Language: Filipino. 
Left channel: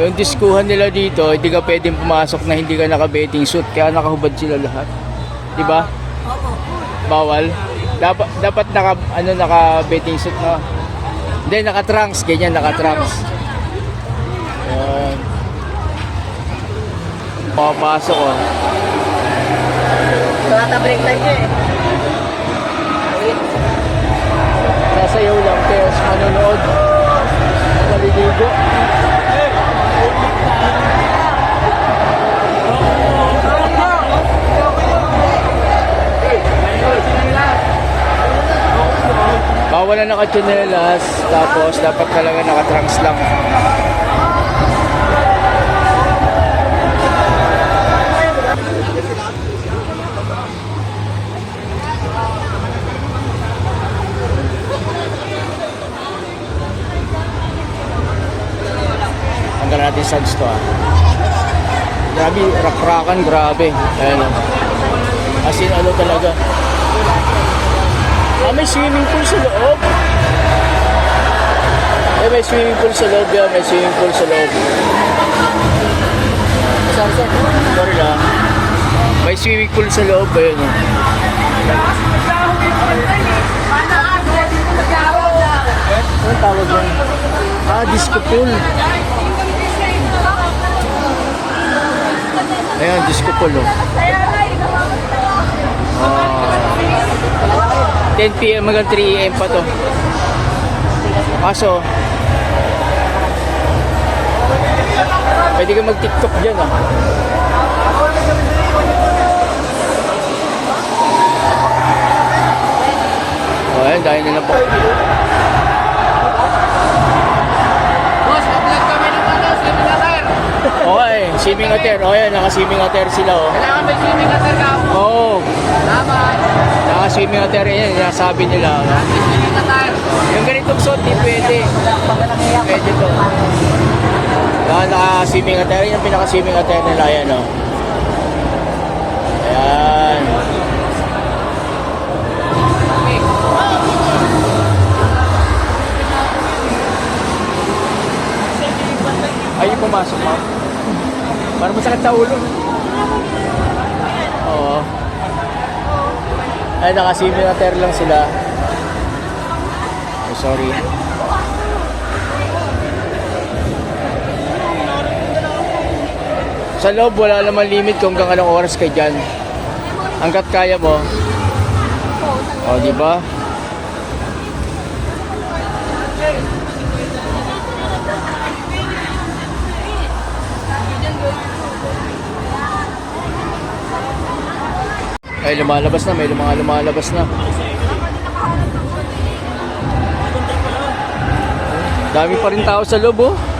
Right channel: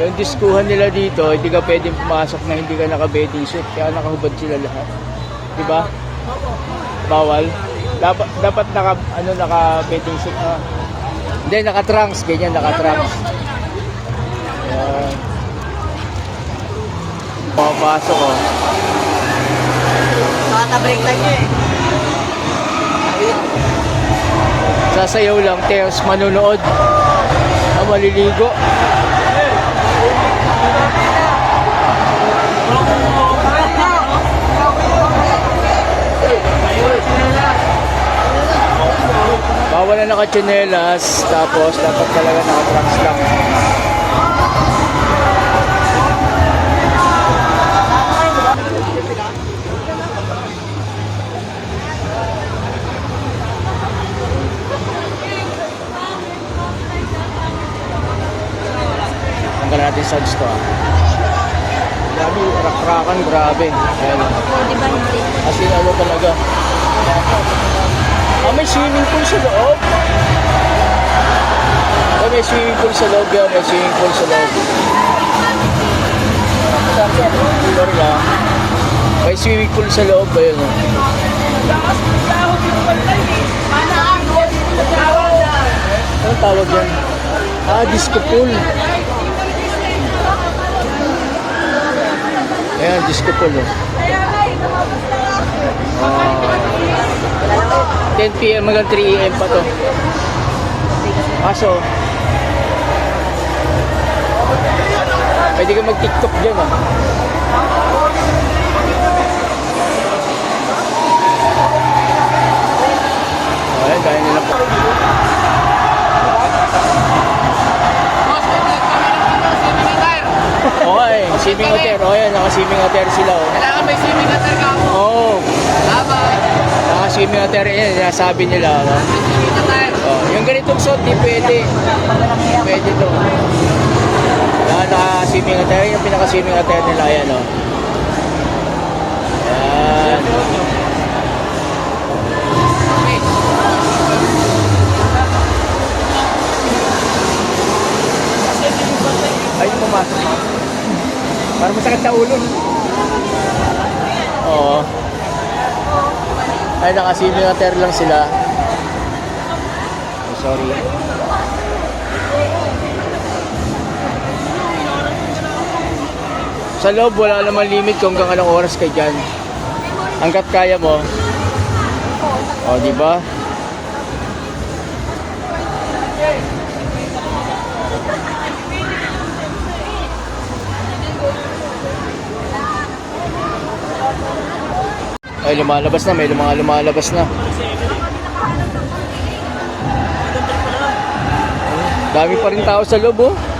Yung diskuhan nila dito, hindi ka pwedeng pumasok na hindi ka naka-betting suit. Kaya nakahubad sila lahat. Di ba? Bawal. Dapat dapat naka ano naka betting suit na. Hindi naka trunks, ganyan naka trunks. Yan. Papasok oh. Bata break time niya eh. Sasayaw lang, tears manunood. Ang maliligo. Bawal na nakatsinelas, tapos dapat talaga nakatrunks lang. Tanggal natin sa to ah. Grabe, rakrakan, grabe. Ayan oh. As ano talaga. Ah, may swimming pool sa loob. Eh, may swimming pool sa loob yan. May swimming pool sa loob. Sorry lang. May swimming pool sa loob. Ayun oh. Anong tawag yan? Ah, disco pool. Ayan, disco pool oh. Ah. 10 p.m. hanggang 3 a.m. pa to. Kaso, pwede ka mag-tiktok dyan ah. Ay, dahil nila po. Boss, mag-vlog kami ng ano. Okay, swimming attire. O yan, naka-swimming attire sila oh. Kailangan may swimming attire ka. Oo, oh, Dapat. naka-swimming attire yan. Sinasabi nila. No? May swimming attire. Yung ganitong suit, di pwede. Pwede to. Yan, naka-swimming attire. Yung pinaka-swimming attire nila, yan o. Yan. Ay, yung pumasok, ma'am. Parang masakit sa ulo. Oo. Ay, naka-swimming attire lang sila. Oh, sorry. Sa loob, wala naman limit kung hanggang anong oras ka dyan. Hanggat kaya mo. O, di ba? Ay, lumalabas na. May mga lumalabas na. Dami pa rin tao sa loob, oh.